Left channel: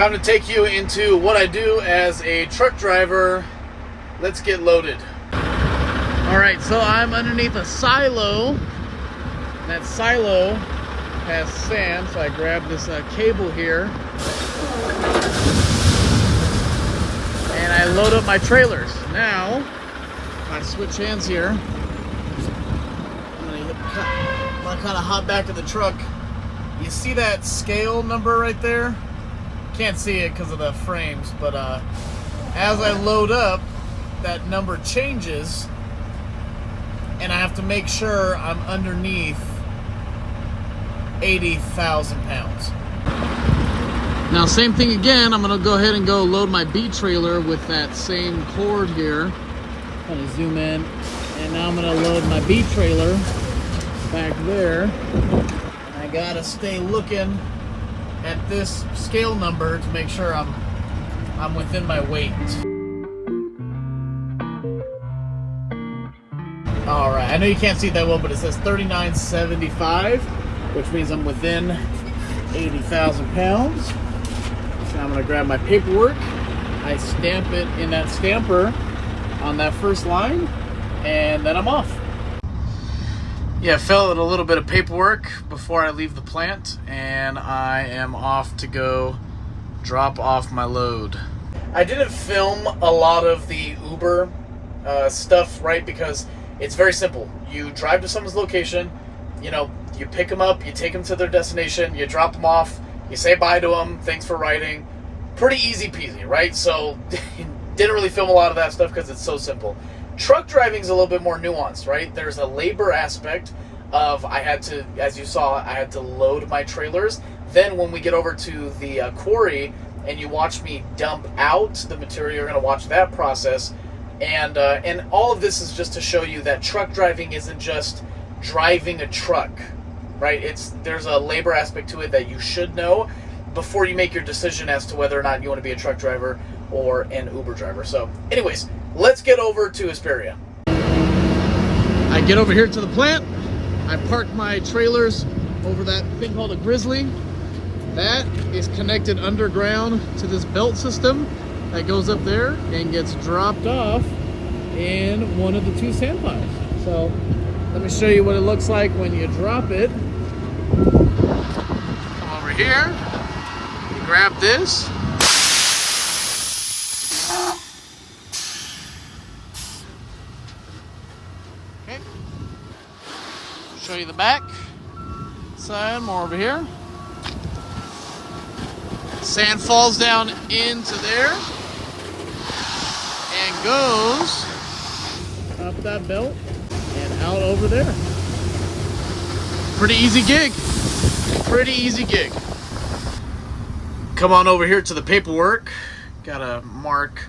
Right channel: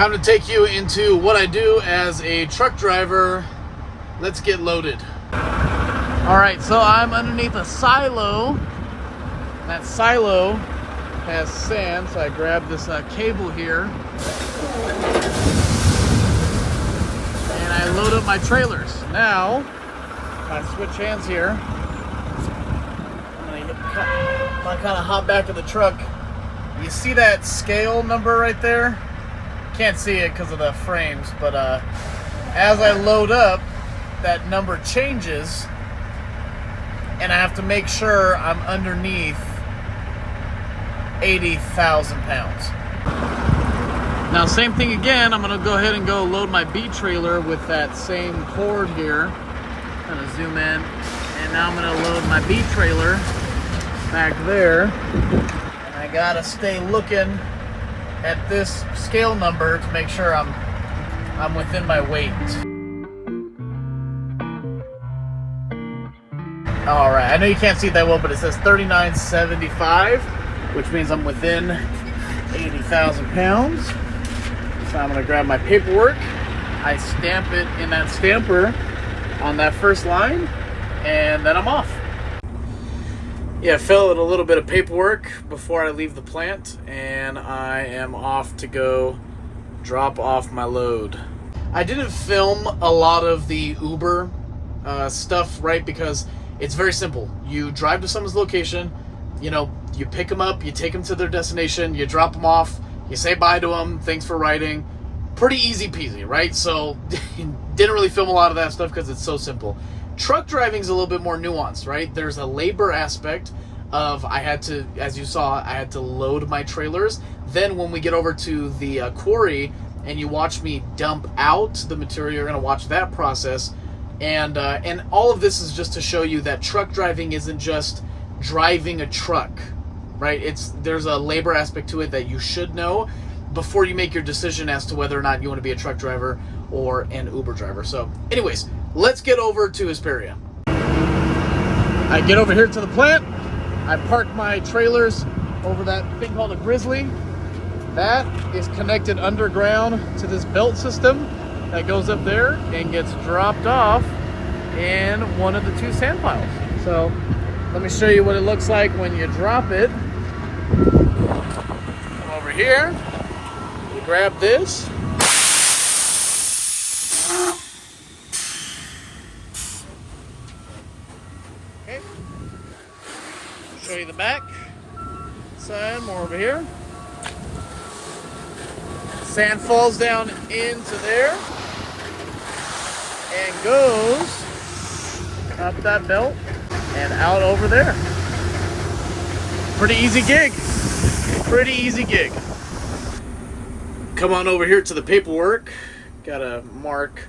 Time to take you into what I do as a truck driver. Let's get loaded. All right, so I'm underneath a silo. And that silo has sand, so I grab this cable here. And I load up my trailers. Now, if I switch hands here, I'm gonna kind of hop back to the truck. You see that scale number right there? Can't see it because of the frames, but as I load up, that number changes, and I have to make sure I'm underneath 80,000 pounds. Now, same thing again. I'm gonna go ahead and go load my B trailer with that same cord here. Kind of zoom in, and now I'm gonna load my B trailer back there. And I gotta stay looking at this scale number to make sure I'm within my weight. All right, I know you can't see it that well, but it says 3975, which means I'm within 80,000 pounds. So I'm gonna grab my paperwork. I stamp it in that stamper on that first line, and then I'm off. Yeah, fill out a little bit of paperwork before I leave the plant, and I am off to go drop off my load. I didn't film a lot of the Uber stuff, right? Because it's very simple. You drive to someone's location, you know, you pick them up, you take them to their destination, you drop them off, you say bye to them, thanks for riding. Pretty easy peasy, right? So didn't really film a lot of that stuff because it's so simple. Truck driving is a little bit more nuanced, right? There's a labor aspect of, I had to, as you saw, I had to load my trailers. Then when we get over to the quarry and you watch me dump out the material, you're going to watch that process. And all of this is just to show you that truck driving isn't just driving a truck, right? There's a labor aspect to it that you should know before you make your decision as to whether or not you want to be a truck driver or an Uber driver. So anyways, let's get over to Hesperia. I get over here to the plant. I park my trailers over that thing called a Grizzly. That is connected underground to this belt system that goes up there and gets dropped off in one of the two sand piles. So let me show you what it looks like when you drop it. Come over here, you grab this. Okay. Show you the back side, more over here. Sand falls down into there and goes up that belt and out over there. Pretty easy gig. Pretty easy gig. Come on over here to the paperwork. Gotta mark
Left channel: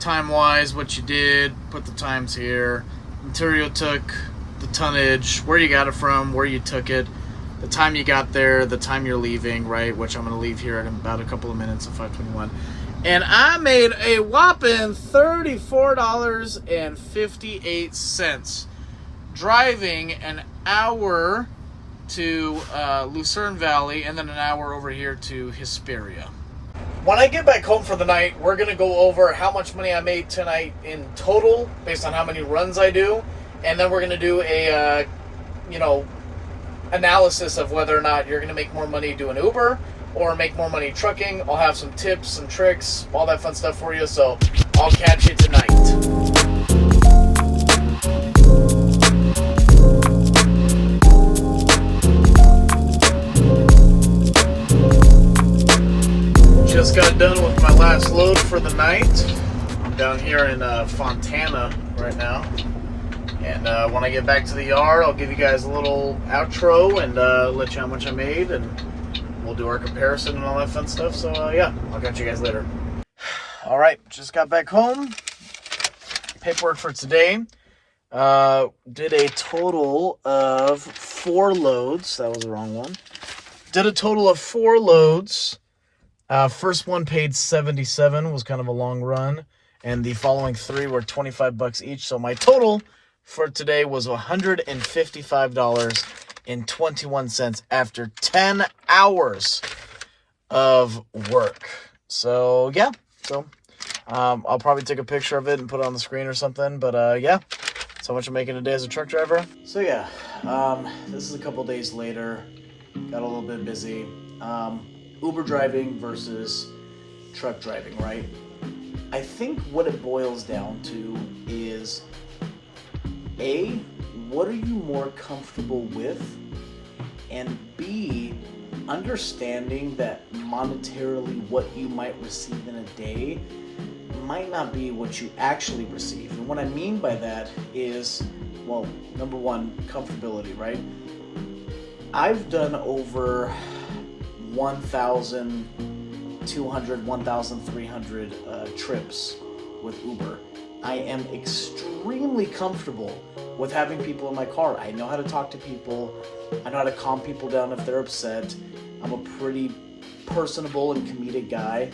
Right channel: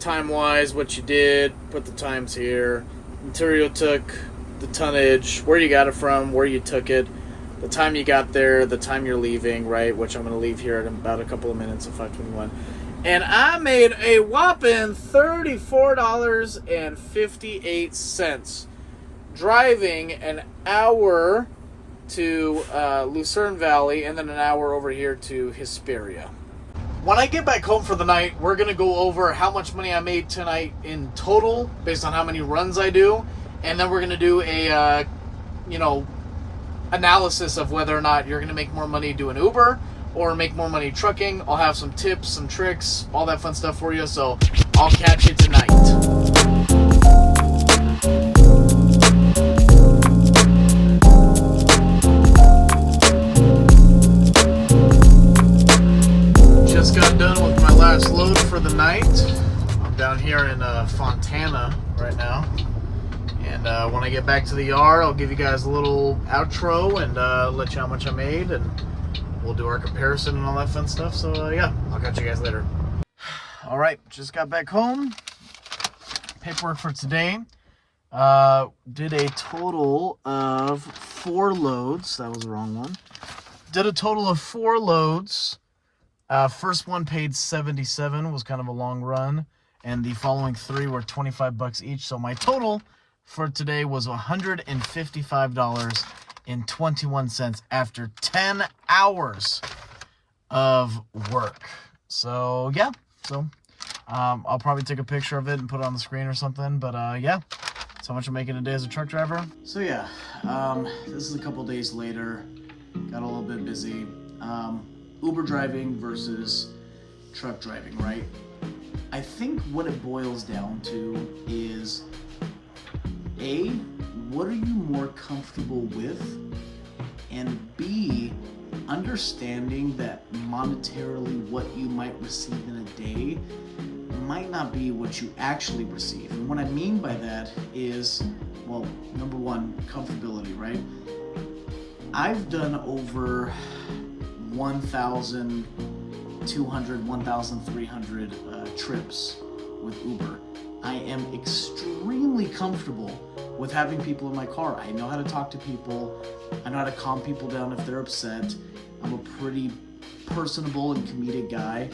time-wise what you did, put the times here, material took, the tonnage, where you got it from, where you took it, the time you got there, the time you're leaving, right, which I'm going to leave here in about a couple of minutes at 5:21. And I made a whopping $34.58 driving an hour to Lucerne Valley and then an hour over here to Hesperia. When I get back home for the night, we're going to go over how much money I made tonight in total based on how many runs I do. And then we're going to do a, analysis of whether or not you're going to make more money doing Uber or make more money trucking. I'll have some tips, some tricks, all that fun stuff for you. So I'll catch you tonight. Just got done with my last load for the night. I'm down here in Fontana right now. And when I get back to the yard, I'll give you guys a little outro and let you know how much I made, and we'll do our comparison and all that fun stuff. So yeah, I'll catch you guys later. All right, just got back home. Paperwork for today. Did a total of 4 loads. That was the wrong one. Did a total of 4 loads. First one paid $77, was kind of a long run. And the following 3 were $25 each. So my total for today was $155.21 after 10 hours of work. So yeah, so I'll probably take a picture of it and put it on the screen or something. But yeah, so much I'm making a day as a truck driver. So yeah, this is a couple days later. Got a little bit busy. Uber driving versus truck driving, right? I think what it boils down to is A, what are you more comfortable with? And B, understanding that monetarily what you might receive in a day might not be what you actually receive. And what I mean by that is, well, number one, comfortability, right? I've done over 1,200, 1,300 trips with Uber. I am extremely comfortable with having people in my car. I know how to talk to people. I know how to calm people down if they're upset. I'm a pretty personable and comedic guy.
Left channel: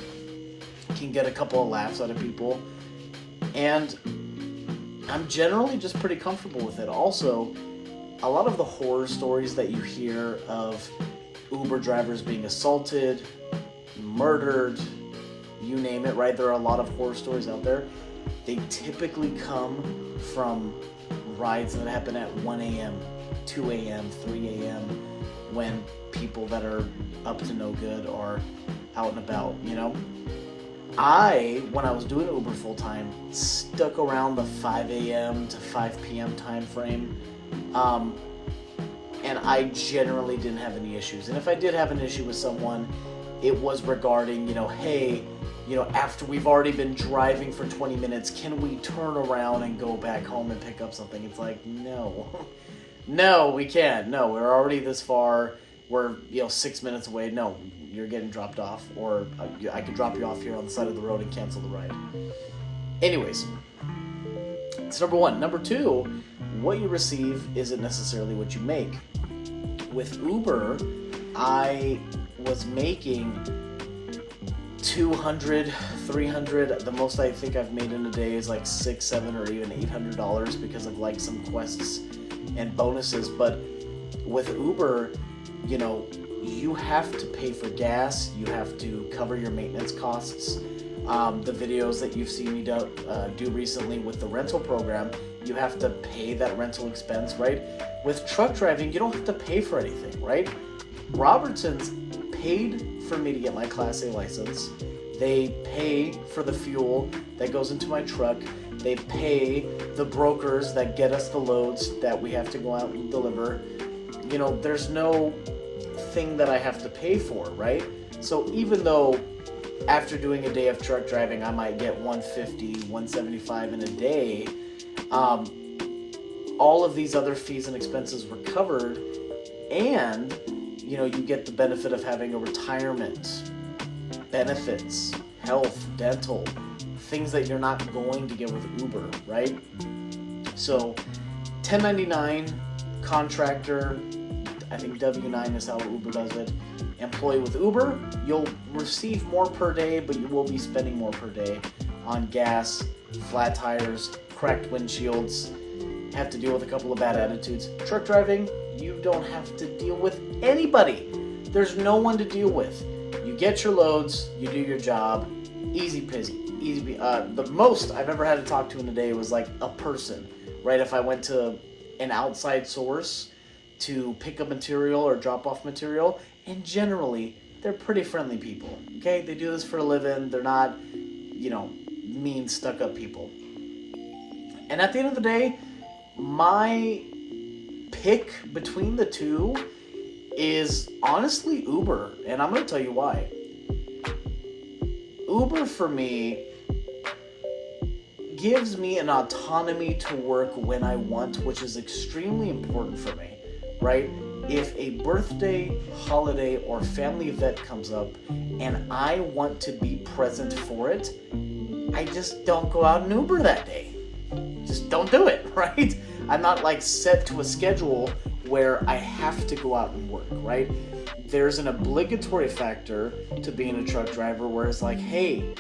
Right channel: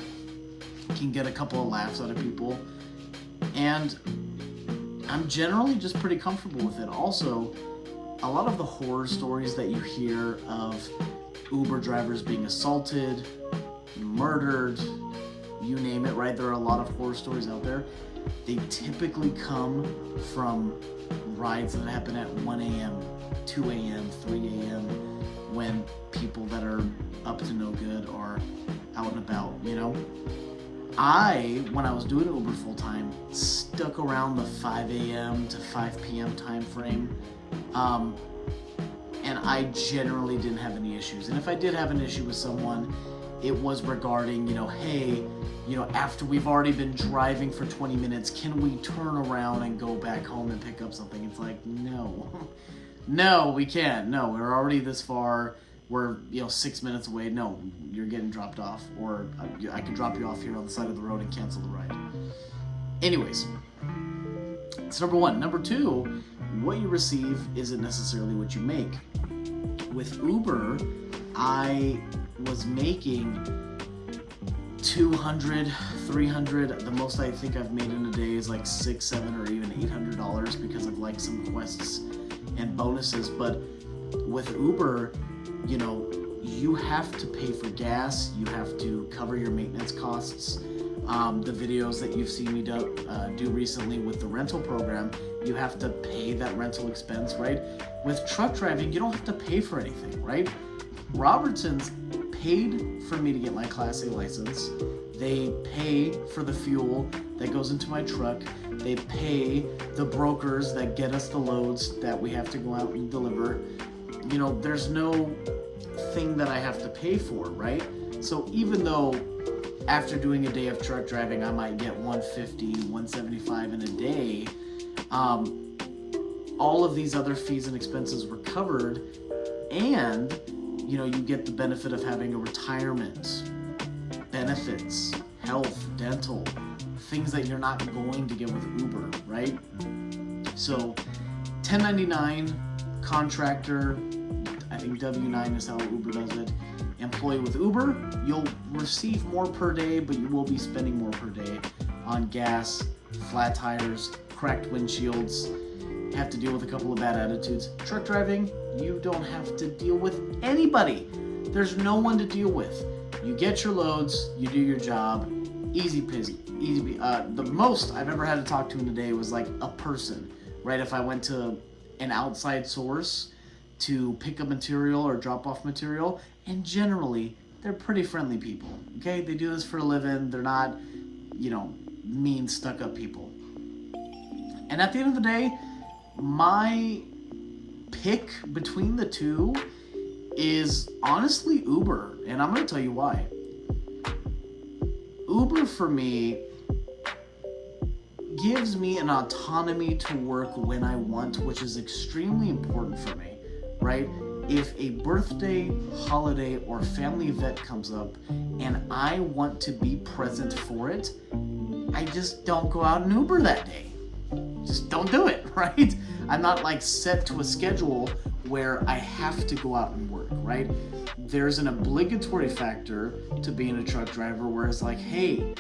Can get a couple of laughs out of people. And I'm generally just pretty comfortable with it. Also, a lot of the horror stories that you hear of Uber drivers being assaulted, murdered, you name it, right? There are a lot of horror stories out there. They typically come from rides that happen at 1 a.m., 2 a.m., 3 a.m. when people that are up to no good are out and about, you know? When I was doing Uber full time, stuck around the 5 a.m. to 5 p.m. time frame. And I generally didn't have any issues. And if I did have an issue with someone, it was regarding, hey, after we've already been driving for 20 minutes, can we turn around and go back home and pick up something? It's like, no. No, we can't. No, we're already this far. We're 6 minutes away. No, you're getting dropped off, or I could drop you off here on the side of the road and cancel the ride. Anyways, it's number one. Number two, what you receive isn't necessarily what you make. With Uber, I was making 200, 300. The most I think I've made in a day is like $600, $700, or even $800 because of like some quests and bonuses. But with Uber, you have to pay for gas. You have to cover your maintenance costs. The videos that you've seen me do recently with the rental program, you have to pay that rental expense, right? With truck driving, you don't have to pay for anything, right? Robertson's paid for me to get my Class A license. They pay for the fuel that goes into my truck. They pay the brokers that get us the loads that we have to go out and deliver. There's no thing that I have to pay for, right? So even though after doing a day of truck driving, I might get 150, 175 in a day, all of these other fees and expenses were covered, and you get the benefit of having a retirement, benefits, health, dental, things that you're not going to get with Uber, right? So 1099, contractor, I think W-9 is how Uber does it. Employee with Uber, you'll receive more per day, but you will be spending more per day on gas, flat tires, cracked windshields, have to deal with a couple of bad attitudes. Truck driving, you don't have to deal with anybody. There's no one to deal with. You get your loads, you do your job, easy peasy. The most I've ever had to talk to in a day was like a person, right? If I went to an outside source to pick up material or drop off material, and generally they're pretty friendly people, okay? They do this for a living. They're not, mean, stuck-up people. And at the end of the day, my pick between the two is honestly Uber, and I'm going to tell you why. Uber, for me, gives me an autonomy to work when I want, which is extremely important for me, right? If a birthday, holiday, or family event comes up and I want to be present for it, I just don't go out and Uber that day. Just don't do it, right? I'm not like set to a schedule where I have to go out and work, right? There's an obligatory factor to being a truck driver where it's like, hey,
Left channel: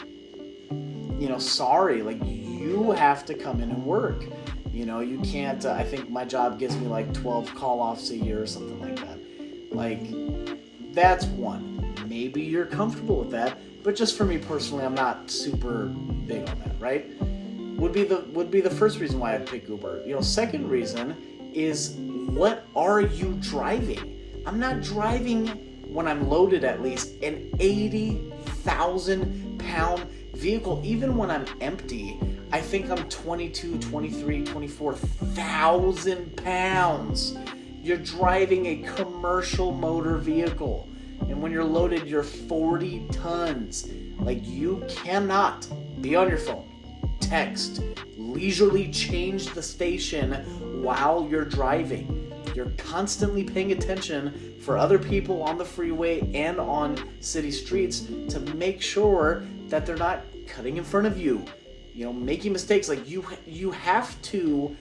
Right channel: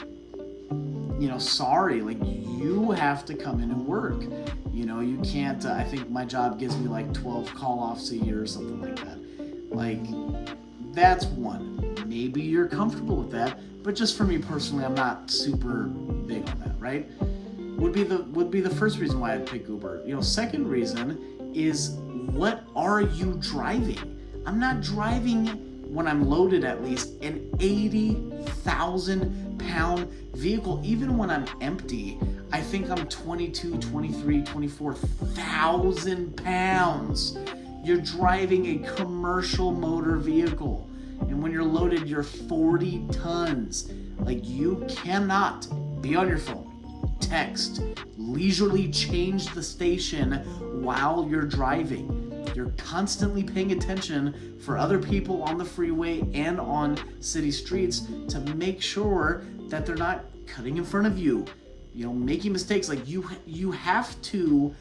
sorry, like you have to come in and work. You can't, I think my job gives me like 12 call-offs a year or something like that. Like, that's one. Maybe you're comfortable with that. but just for me personally, I'm not super big on that, right? Would be the first reason why I'd pick Uber. Second reason is, what are you driving? I'm not driving, when I'm loaded at least, an 80,000 pound vehicle. Even when I'm empty, I think I'm 22, 23, 24,000 pounds. You're driving a commercial motor vehicle. And when you're loaded, you're 40 tons. Like, you cannot be on your phone, text, leisurely change the station while you're driving. You're constantly paying attention for other people on the freeway and on city streets to make sure that they're not cutting in front of you, making mistakes. Like, you have to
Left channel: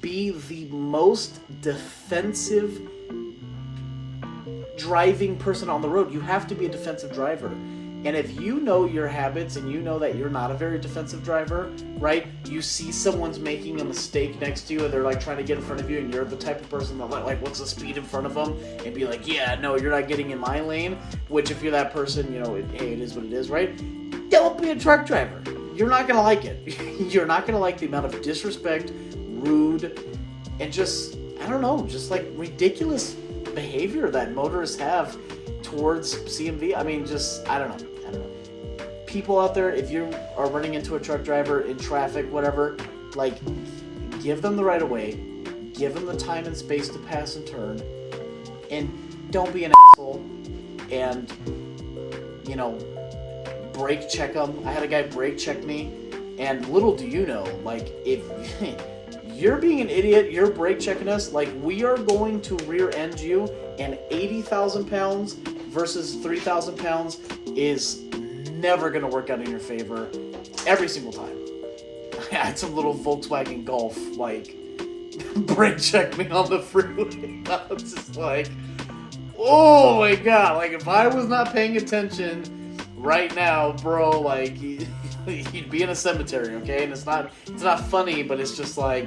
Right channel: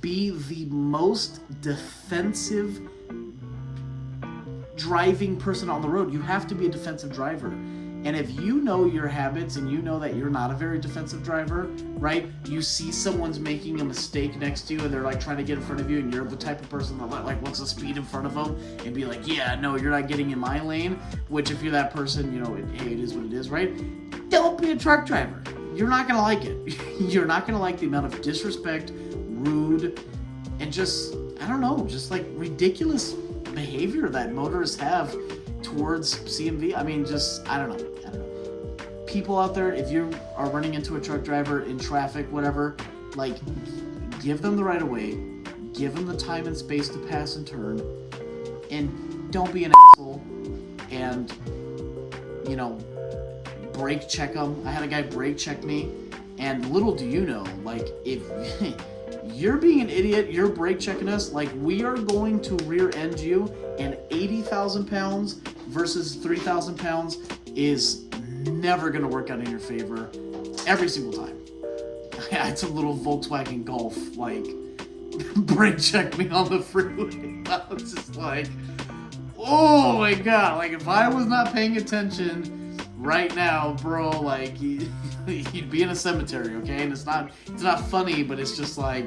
be the most defensive driving person on the road. You have to be a defensive driver. And if you know your habits and you know that you're not a very defensive driver, right? You see someone's making a mistake next to you and they're like trying to get in front of you, and you're the type of person that like wants to speed in front of them and be like, yeah, no, you're not getting in my lane. Which, if you're that person, hey, it is what it is, right? Don't be a truck driver. You're not gonna like it. You're not gonna like the amount of disrespect, rude, and just like ridiculous behavior that motorists have towards CMV. I mean, I don't know. People out there, if you are running into a truck driver in traffic, whatever, like, give them the right of way, give them the time and space to pass and turn, and don't be an asshole and, brake check them. I had a guy brake check me, and little do you know, like, if you're being an idiot, you're brake checking us, like, we are going to rear end you, and 80,000 pounds versus 3,000 pounds is never going to work out in your favor every single time. I had some little Volkswagen Golf, like, brake check me on the freeway. I was just like, oh my god, like, if I was not paying attention right now, bro, like, you'd be in a cemetery, okay? And it's not funny, but it's just like,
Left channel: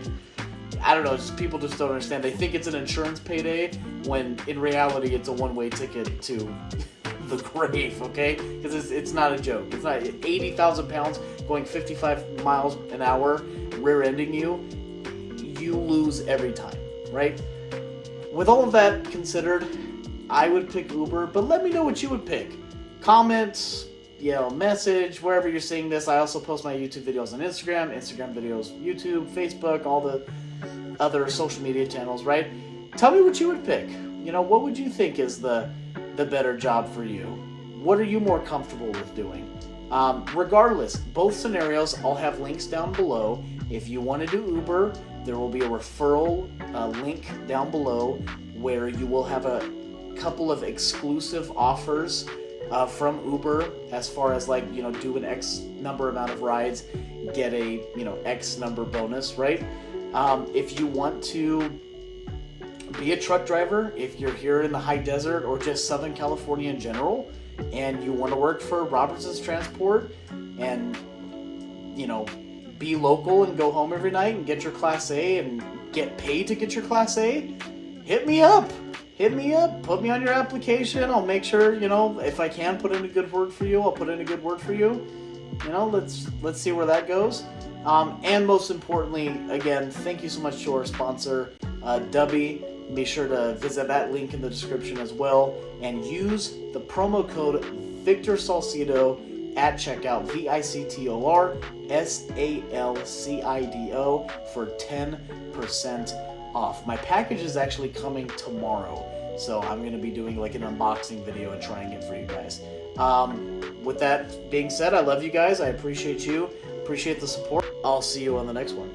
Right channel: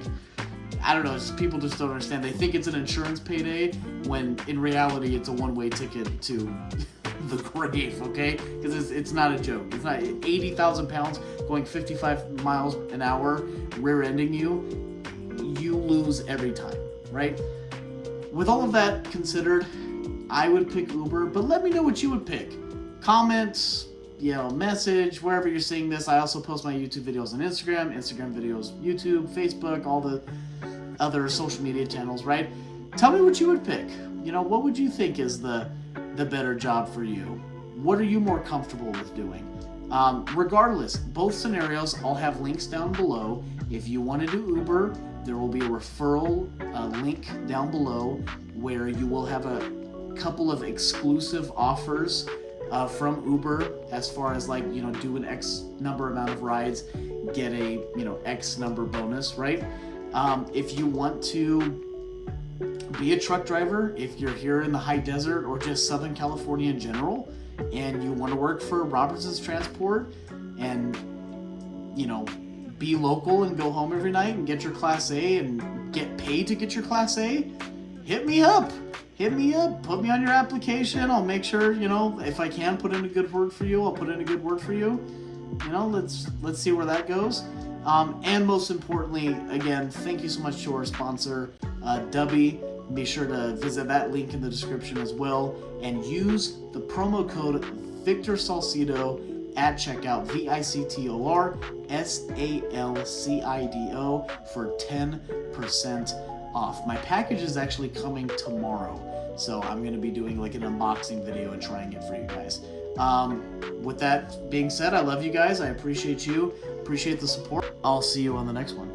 I don't know, just people just don't understand. They think it's an insurance payday when in reality it's a one-way ticket to the grave, okay? Because it's not a joke. It's not 80,000 pounds going 55 miles an hour, rear-ending you. You lose every time, right? With all of that considered, I would pick Uber, but let me know what you would pick. Comment, message, wherever you're seeing this. I also post my YouTube videos on Instagram videos, YouTube, Facebook, all the other social media channels, right? Tell me what you would pick. What would you think is the better job for you? What are you more comfortable with doing? Regardless, both scenarios, I'll have links down below. If you want to do Uber, there will be a referral link down below where you will have a couple of exclusive offers from Uber, as far as like, do an X number amount of rides, get a, X number bonus, right? If you want to be a truck driver, if you're here in the high desert or just Southern California in general, and you want to work for Robertson's Transport and, be local and go home every night and get your Class A and get paid to get your Class A, hit me up. Put me on your application. I'll make sure, if I can put in a good word for you, I'll put in a good word for you. Let's see where that goes. And most importantly, again, thank you so much to our sponsor, Dubby. Be sure to visit that link in the description as well, and use the promo code Victor Salcido at checkout, VICTOR SALCIDO, for 10% off. My package is actually coming tomorrow, so I'm going to be doing like an unboxing video and trying it for you guys. With that being said, I love you guys. I appreciate you. Appreciate the support. I'll see you on the next one.